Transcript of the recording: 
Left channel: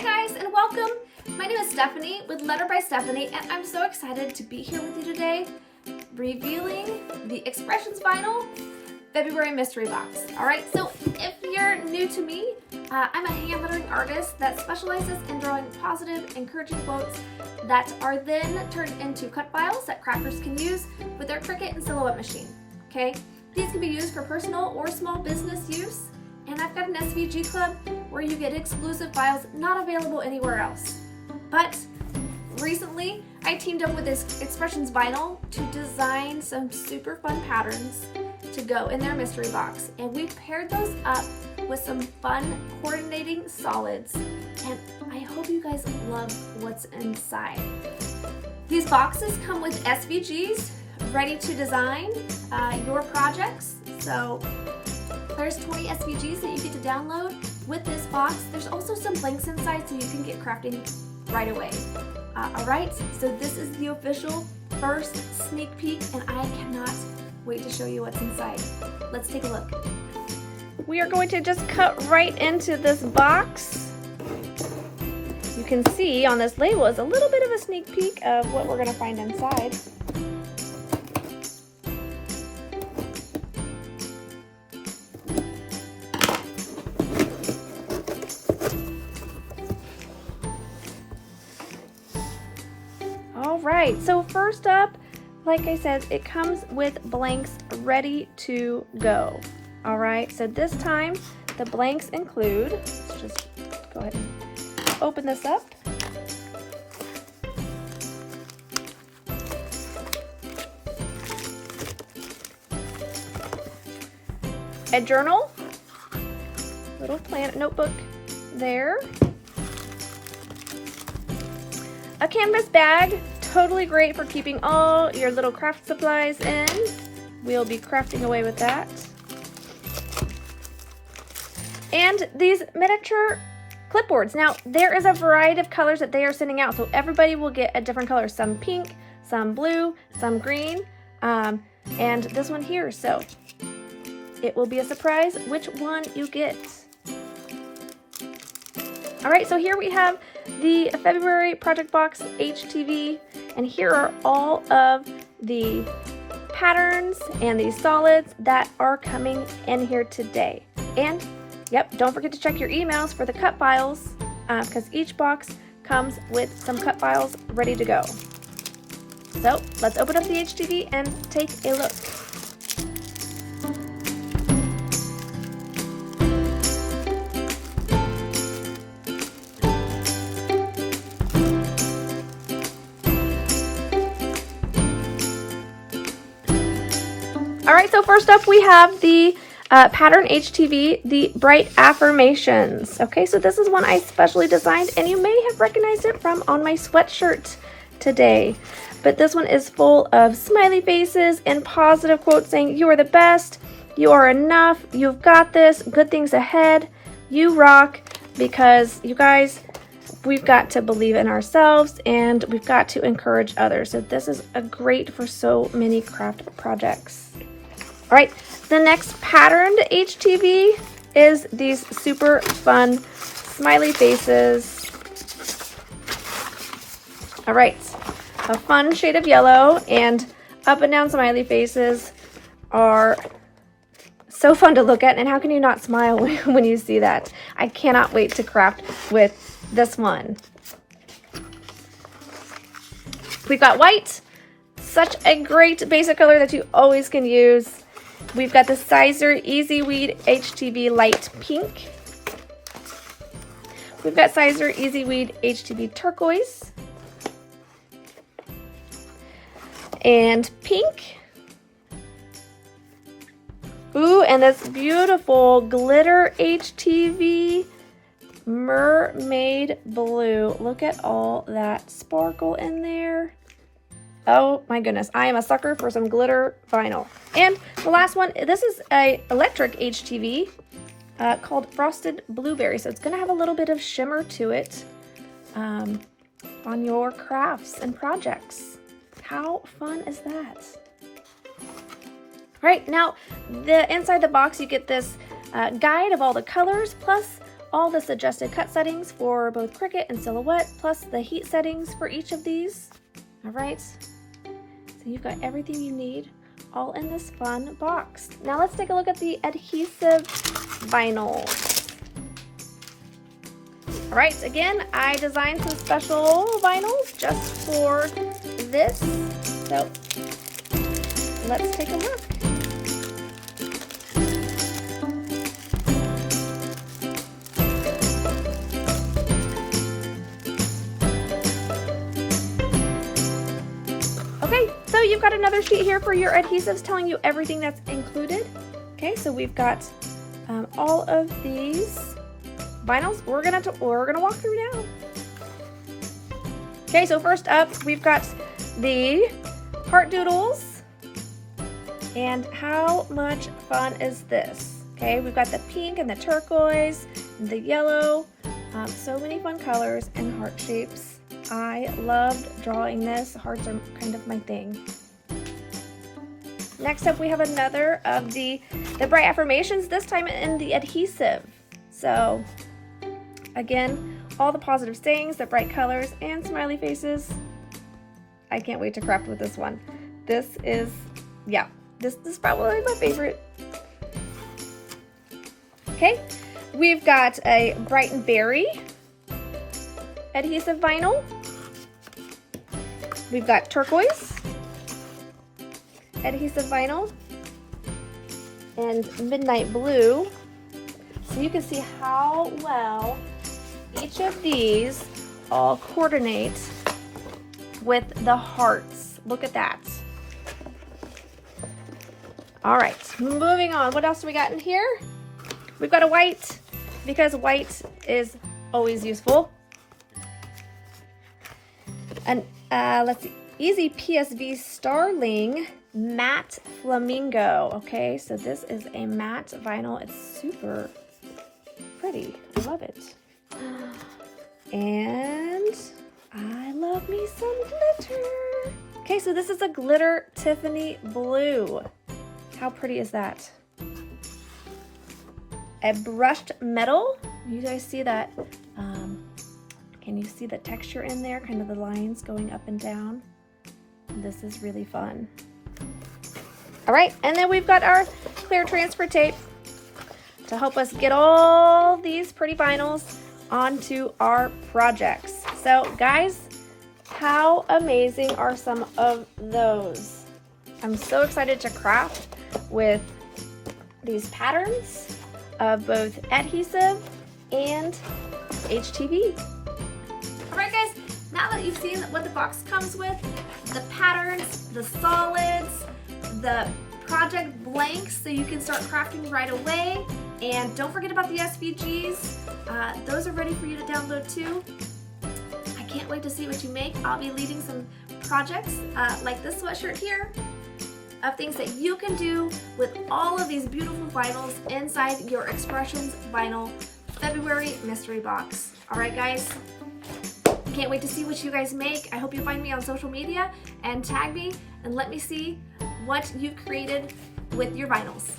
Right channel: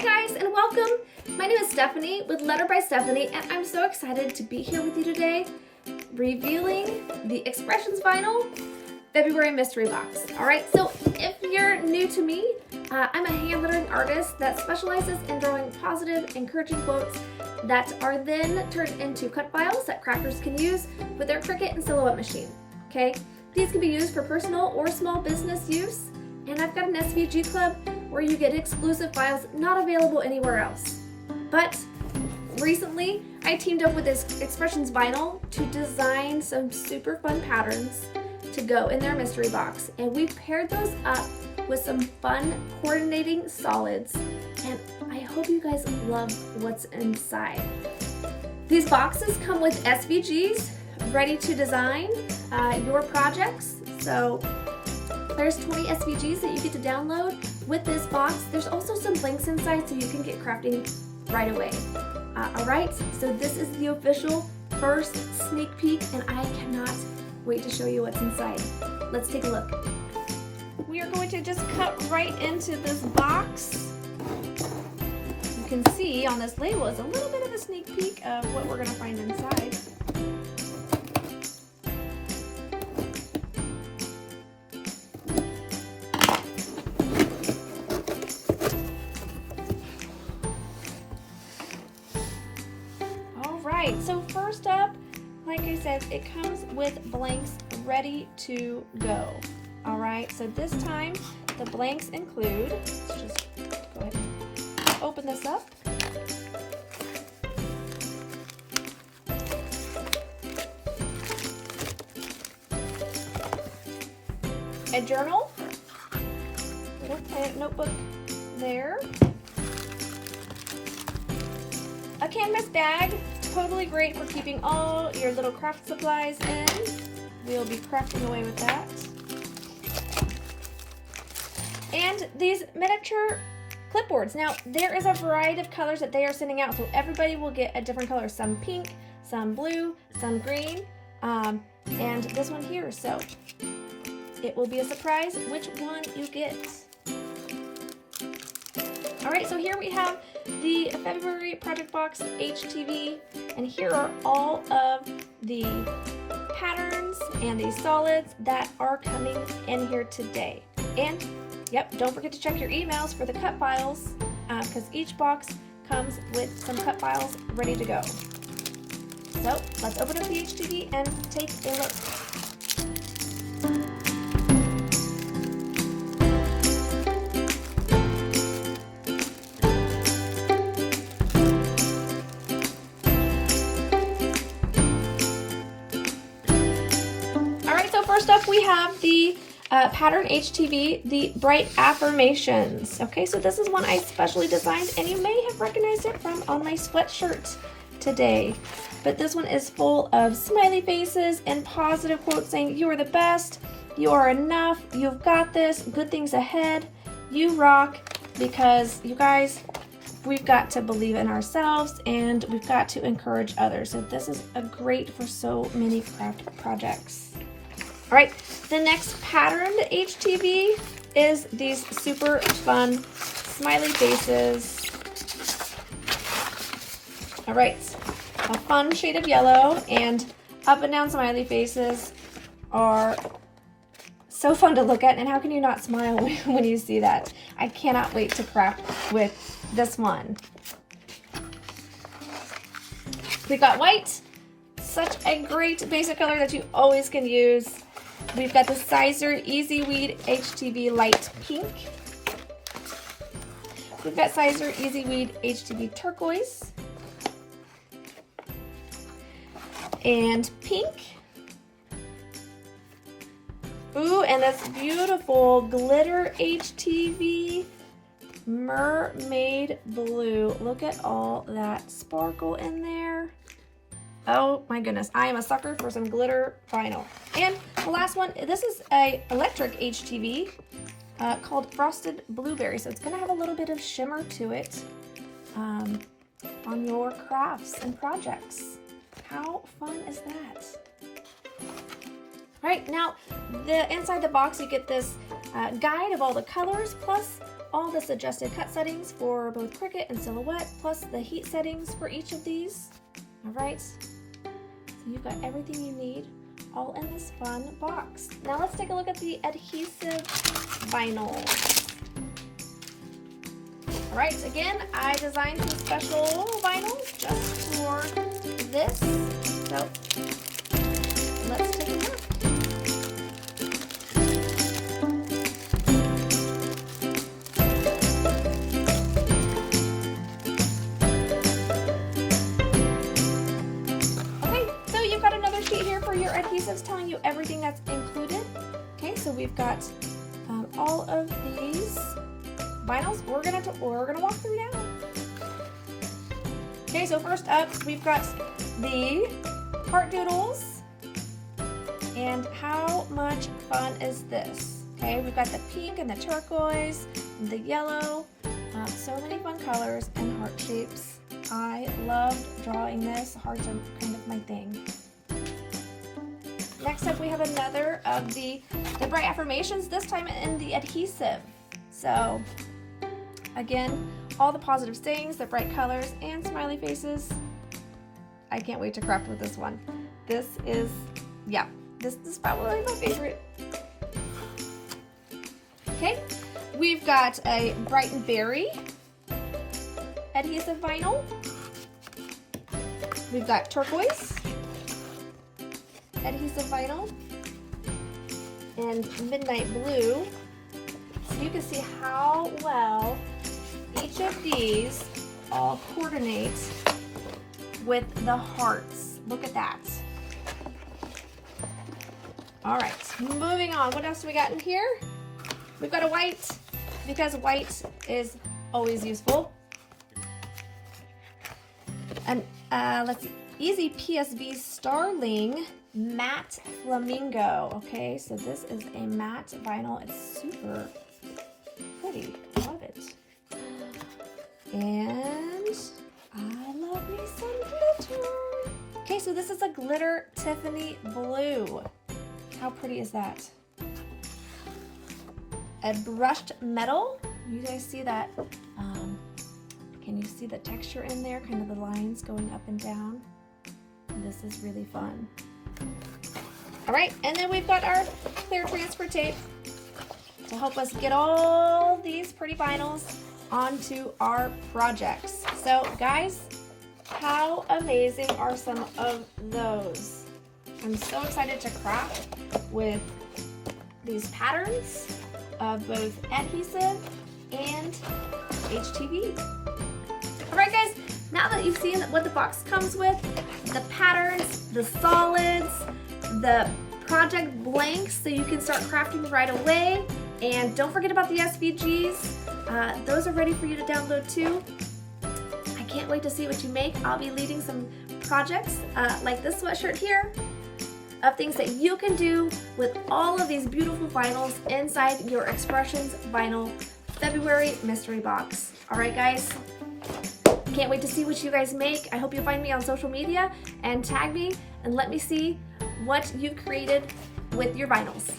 Hi guys and welcome. My name is Stephanie with Letter by Stephanie and I'm so excited to be here with you today revealing the Expressions Vinyl February mystery box. Alright, so if you're new to me, I'm a hand lettering artist that specializes in drawing positive, encouraging quotes that are then turned into cut files that crafters can use with their Cricut and Silhouette machine. Okay, these can be used for personal or small business use, and I've got an SVG club where you get exclusive files not available anywhere else. But recently, I teamed up with this Expressions Vinyl to design some super fun patterns to go in their mystery box, and we paired those up with some fun coordinating solids, and I hope you guys love what's inside. These boxes come with SVGs ready to design your projects. So there's 20 SVGs that you get to download with this box. There's also some blanks inside so you can get crafting right away. Alright, so this is the official first sneak peek and I cannot wait to show you what's inside. Let's take a look. We are going to just cut right into this box. You can see on this label is a little bit of a sneak peek of what we're going to find inside. Alright, so first up, like I said, it comes with blanks ready to go. Alright, so this time the blanks include, just go ahead and open this up. A journal, little plant notebook there. A canvas bag, totally great for keeping all your little craft supplies in. We'll be crafting away with that. And these miniature clipboards. Now, there is a variety of colors that they are sending out, so everybody will get a different color. Some pink, some blue, some green, and this one here. So it will be a surprise which one you get. All right, so here we have the February Project Box HTV, and here are all of the patterns and these solids that are coming in here today. And yep, don't forget to check your emails for the cut files because each box comes with some cut files ready to go. So let's open up the HTV and take a look. Alright, so first up we have the pattern HTV, the Bright Affirmations. Okay, so this is one I specially designed, and you may have recognized it from on my sweatshirt today. But this one is full of smiley faces and positive quotes saying, "You are the best, you are enough, you've got this, good things ahead, you rock," because you guys, we've got to believe in ourselves and we've got to encourage others. So this is a great for so many craft projects. All right, the next patterned HTV is these super fun smiley faces. All right, a fun shade of yellow and up and down smiley faces are so fun to look at, and how can you not smile when you see that? I cannot wait to craft with this one. We've got white, such a great basic color that you always can use. We've got the Siser Easy Weed HTV Light Pink. We've got Siser Easy Weed HTV Turquoise. And pink. Ooh, and this beautiful glitter HTV Mermaid Blue. Look at all that sparkle in there. Oh my goodness, I am a sucker for some glitter vinyl. And the last one, this is a electric HTV called Frosted Blueberry. So it's gonna have a little bit of shimmer to it on your crafts and projects. How fun is that? Right, now inside the box you get this guide of all the colors plus all the suggested cut settings for both Cricut and Silhouette, plus the heat settings for each of these. All right, so you've got everything you need all in this fun box. Now let's take a look at the adhesive vinyl. All right, again, I designed some special vinyls just for this. So let's take a look. Okay, so you've got another sheet here for your adhesives telling you everything that's included. Okay, so we've got all of these vinyls we're gonna walk through now. Okay, so first up we've got the heart doodles, and how much fun is this? Okay, we've got the pink and the turquoise, and the yellow, so many fun colors and heart shapes. I loved drawing this. Hearts are kind of my thing. Next up we have another of the bright affirmations, this time in the adhesive. So again, all the positive sayings, the bright colors, and smiley faces. I can't wait to craft with this one. This is, yeah, this is probably my favorite. Okay, we've got a bright berry adhesive vinyl. We've got turquoise adhesive vinyl and midnight blue. So you can see how well each of these all coordinate with the hearts. Look at that. All right, moving on. What else do we got in here? We've got a white, because white is always useful. And let's see, Easy PSV Starling Matte Flamingo. Okay, so this is a matte vinyl. It's super pretty. I love it. And I love me some glitter. Okay, so this is a glitter Tiffany blue. How pretty is that? A brushed metal. You guys see that? Can you see the texture in there? Kind of the lines going up and down. This is really fun. All right, and then we've got our clear transfer tape to help us get all these pretty vinyls onto our projects. So guys, how amazing are some of those? I'm so excited to craft with these patterns of both adhesive and HTV. All right guys, now that you've seen what the box comes with, the patterns, the solids, the project blanks, so you can start crafting right away. And don't forget about the SVGs. Those are ready for you to download too. I can't wait to see what you make. I'll be leading some projects like this sweatshirt here of things that you can do with all of these beautiful vinyls inside your Expressions Vinyl February mystery box. All right guys, can't wait to see what you guys make. I hope you find me on social media and tag me and let me see what you've created with your vinyls.